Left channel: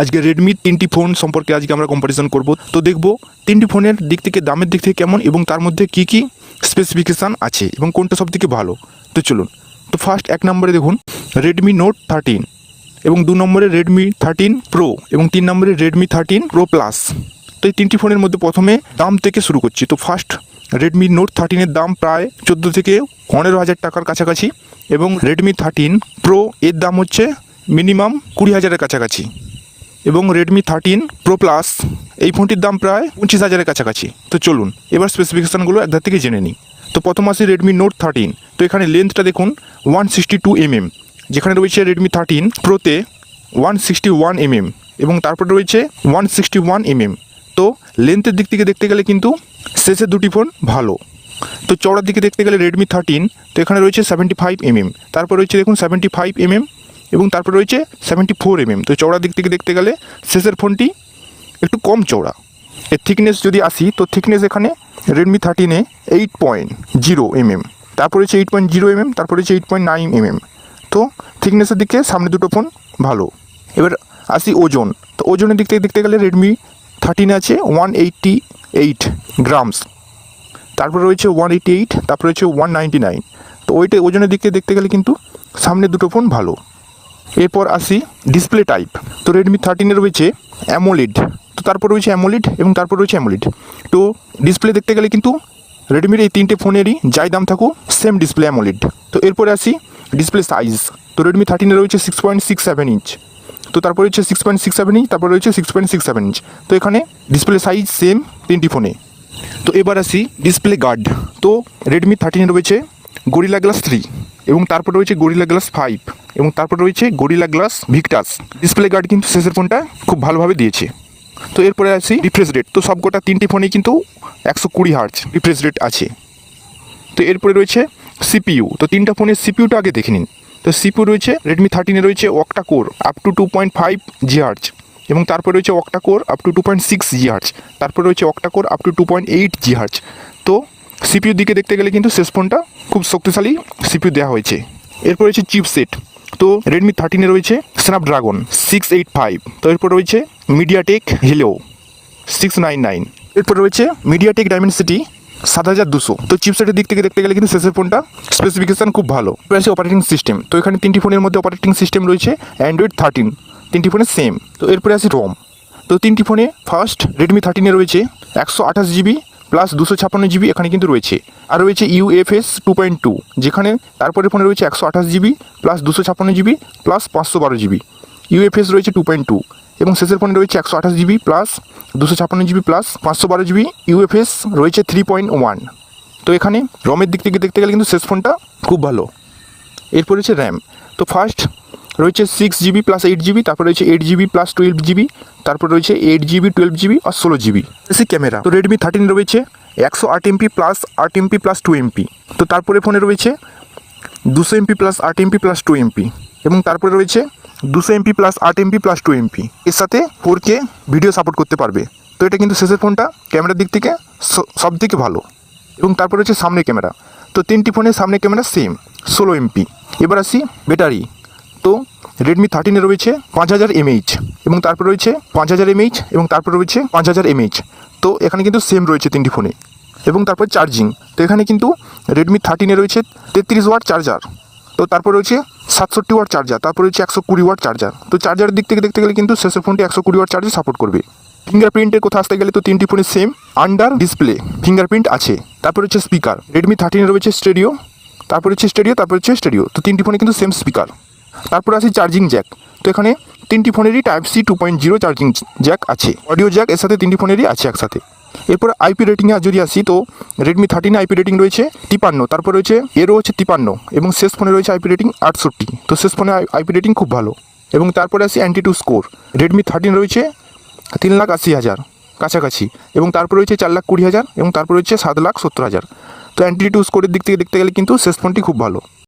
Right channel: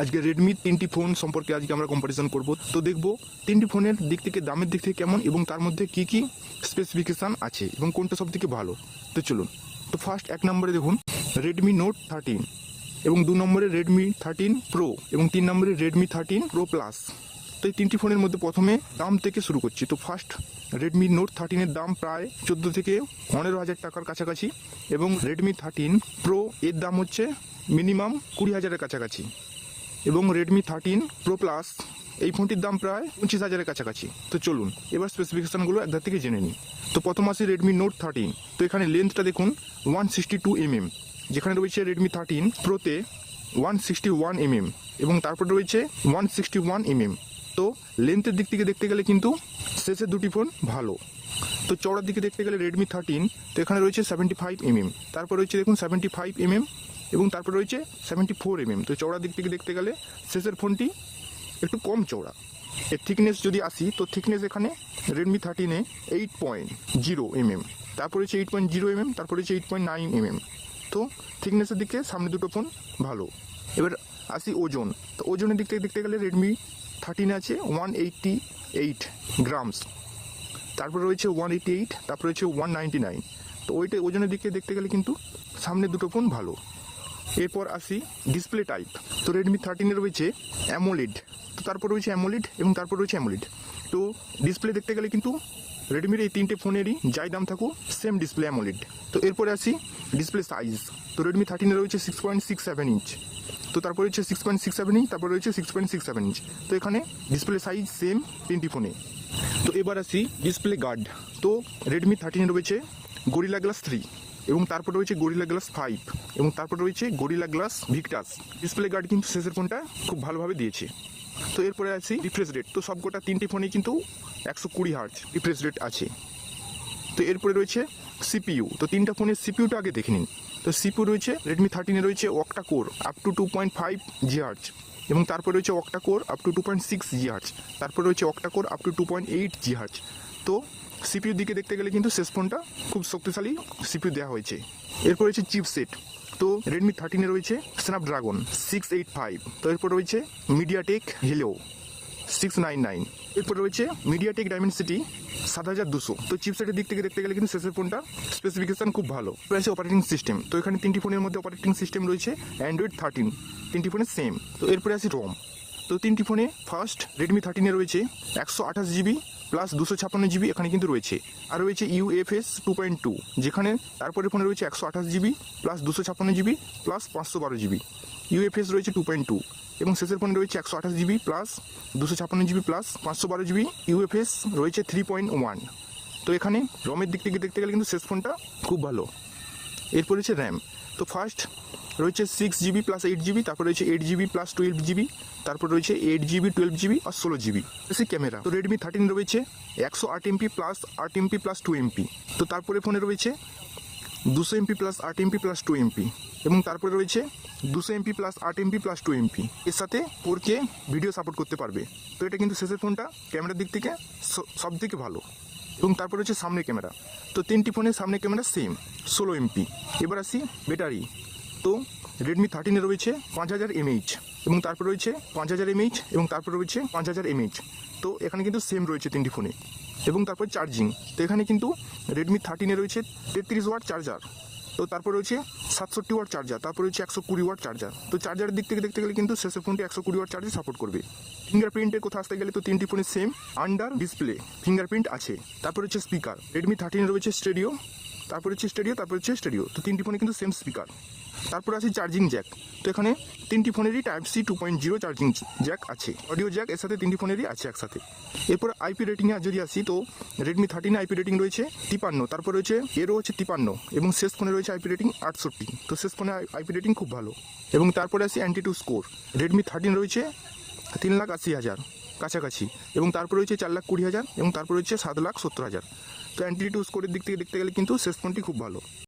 আজকে রেডমি তিনটি ফোন সম্পর্কে আজকে আমরা কম্পারিজন করব। তো দেখব তিনটি ফোনের দিক থেকে দামের দিক থেকে কেমন এবং তার মধ্যে কি কি স্পেসিফিকেশান আছে এবং কোনটা সবথেকে ভালো। তো চলুন। তো ফার্স্ট এক নম্বরে দেখুন রেডমি নোট 13 এবং 2 নম্বরে রেডমি 13 প্রো এবং 3 নম্বরে রেডমি 13 প্রো প্লাস। তো এই তিনটি ফোনের মধ্যে প্রথমে দাম থেকে শুরু করছি। তো ফার্স্ট রেডমি নোট 13 দাম প্রায় 14 থেকে 15,000 টাকার কাছাকাছি এবং রেডমি 13 প্রো এর দাম হচ্ছে মিনিমাম 20,000-এর কাছাকাছি এবং রেডমি 13 প্রো প্লাস এই ফোনটির দাম প্রায় 25,000-এর কাছাকাছি। তো চলুন এবার স্পেসিফিকেশানগুলো একধার থেকে জেনে নিই। তো প্রথম আসি রেডমি নোট 13। তো এখানে লেন্থটা দেখুন 162 mm, যেখানে রয়েছে রেডমি 13 প্রোতে 161 mm এবং তারপরে রয়েছে 161 mm। তো লেন্থের দিক থেকে দেখতে গেলে কিন্তু শেষের দুটি ফোন ভালো। তো চওড়ার দিকে দেখতে গেলে রেডমি 13 তো এখানে রয়েছে 75 mm, তারপর রয়েছে দেখুন 75 mm এবং তারপর রয়েছে 74 mm। তো চওড়ার দিক থেকে দেখতে গেলে শেষের ফোনটি একটু কম চওড়া। এর থিকনেস যদি আসি তো থিকনেস এখানে রেডমি 13-এ 8.0 mm, তারপর হচ্ছে 8.0 mm, তারপর হচ্ছে 8.9 mm। তো থিকনেসের দিকে সামনে দুটো ফোন ভালো। এবার আসি ওজন। তো ওজনের দিক থেকে দেখতে গেলে রেডমি 13 আছে 188 গ্রামস, তারপর রয়েছে 188, তারপর রয়েছে 199। তো ওজনের দিক থেকে দেখতে গেলে কিন্তু সামনে দুটো ফোন ভালো। এরপর আসি ডিসপ্লে টাইপ। তো রেডমি 13-এ রয়েছে অ্যামোলেড, তো তারপর রয়েছে অ্যামোলেড এবং তারপর রয়েছে অ্যামোলেড। তো ডিসপ্লে দেখতে গেলে কিন্তু রেডমির এই তিনটে ফোনেরই যাই দাম থাকুক সেম ডিসপ্লে অ্যামোলেড। তো এরপরে আসি ডিসপ্লে সাইজ। তো রেডমি 13-এ রয়েছে 6.67 ইঞ্চ, তো তারপর রয়েছে 6.67 ইঞ্চ, তারপর রয়েছে 6.67 ইঞ্চ। তো এখানে ডিসপ্লে সাইজ সেম তিনটি ফোনে। তো এবার আসি ডিসপ্লে গার্ড। তো রেডমি 13-এ রয়েছে গরিলা গ্লাস 3 এবং তারপর রয়েছে গরিলা গ্লাস 5 এবং তারপর রয়েছে Gorilla Glass Victus. Display guard কিন্তু শেষের ফোনটা খুব ভালোভাবে দিয়েছে। তো এরপরে আসি রিফ্রেশ রেট। তো সবকটা তিনটি ফোনেই কিন্তু 120 হার্জ রিফ্রেশ রেট আছে। তো এরপরে রয়েছে সিপিইউ। তো তিনটা ফোনের সিপিইউটা আগে দেখে নিন। তো সিপিইউ রয়েছে রেডমি 13-এ রয়েছে octa core up to 2.5 GHz এবং তারপর রয়েছে octa core up to 2.6 GHz, তারপর রয়েছে octa core up to 2.8 GHz। তো সিপিইউ দিকে দেখতে গেলে কিন্তু শেষ ফোনটা খুব শক্তিশালী সিপিইউ দেওয়া হয়েছে। এরপর রয়েছে চিপসেট। তো রেডমি 13-এ রয়েছে স্ন্যাপড্রাগন 685, তো এরপর রয়েছে মিডিয়াটেক হিলিও 699, এরপর রয়েছে মিডিয়াটেক ডাইমেনসিটি 7200। তো চিপসেটের দিক থেকে দেখতে গেলে কিন্তু শেষের ফোনটা স্পেসিফিকেশান খুব ভালো। রয়েছে অপারেটিং সিস্টেম। তো এখানে তিনটি ফোনের মধ্যে অপারেটিং সিস্টেম রয়েছে অ্যান্ড্রয়েড 13, তিনটি ফোনে সেম। তো এরপরে আসি রোম। তো তিনটি ফোনে ফার্স্ট রেডমি 13-এ রয়েছে 128 GB প্লাস 256 GB এখানে কিন্তু রয়েছে, আর রয়েছে UFS 2.2, যেখানে তারপরে ফোনে রয়েছে 128 GB plus 256 GB plus 512 GB। UFS রয়েছে 2.2 এবং শেষের ফোনে রয়েছে 128 GB plus 256 GB plus 512 GB। UFS রয়েছে 3.1। তো এখানে রমের দিক থেকে দেখতে গেলে কিন্তু শেষ ফোনটা খুব ভালো। এরপর রয়েছে র্যাম। তো ফার্স্ট রয়েছে 6 GB প্লাস 8 GB, তারপর রয়েছে 8 GB প্লাস 12 GB, তারপর রয়েছে 8 GB 12 GB আর 16 GB। এসে ক্যামেরা। তো রেডমি 13 রয়েছে 108 MP plus 8 MP plus 2 MP। তো তারপরে ফোনে রয়েছে 200 MP plus 8 MP plus 2 MP এবং তারপরে রয়েছে 200 MP plus 8 MP plus 2 MP। এর সাথে 4K ভিডিও সাপোর্ট করতে পারবে। তো এটা কিন্তু শেষের ফোনটা ক্যামেরার দিক থেকে সব থেকে ভালো। এবং তারপর রয়েছে সামনে ক্যামেরা। তো তিনটি ফোনের সামনে ক্যামেরা সেম 16 MP। এবার আসি ব্যাটারি। তো রেডমি 13-এ রয়েছে 5000 mAh এবং তারপর রয়েছে 5000 mAh এবং তারপর রয়েছে 5000 mAh। তো এখানে কিন্তু সেম রয়েছে তিনটি ফোনে। এবং তারপর চার্জিং। তো এখানে কিন্তু রেডমি 13-এ রয়েছে 33 ওয়াট চার্জার, তো তারপর রয়েছে 67 ওয়াট চার্জার, তারপর রয়েছে 120 ওয়াট চার্জার। তো চার্জারের দিক থেকে দেখতে গেলে কিন্তু শেষের ফোনটি 120 ওয়াট চার্জার সাপোর্ট করবে। ফিঙ্গারপ্রিন্টের কথা আসতে গেলে তো তিনটি ফোনে সেম আন্ডার ডিসপ্লে ফিঙ্গারপ্রিন্ট আছে। তারপর হচ্ছে স্পিকার। রেডমি 13-এ রয়েছে স্টেরিও, তারপর হচ্ছে স্টেরিও, তারপর হচ্ছে স্টেরিও। তো তিনটি ফোনে কিন্তু সেম স্পিকার। তারপর আসি চার্জিং জ্যাক। তো এখানে তিনটি ফোনেরই Type-C 2.0 চার্জিং জ্যাক আছে, অডিও জ্যাক এর সাথে তিনটি ফোনেরই আছে একসাথে। এরপর আইপি রেটিংয়ে যদি আসি তো রেডমি 13-এ আইপি রেটিং রয়েছে 53, তারপর রয়েছে এরও হচ্ছে 53 এবং শেষ ফোনে রয়েছে আইপি রেটিং 68। তো শেষ ফোনে আইপি রেটিং খুব ভালো। এবং তারপরে আসি অ্যান্টিটু স্কোর। রেডমি 13 রয়েছে 3,80,000 কাছাকাছি এবং তারপর রয়েছে 4,20,000 এবং তারপর রয়েছে 7,70,000। তো অ্যান্টিটু স্কোরের দিক থেকে দেখতে গেলে কিন্তু শেষ ফোনটি খুব ভালো।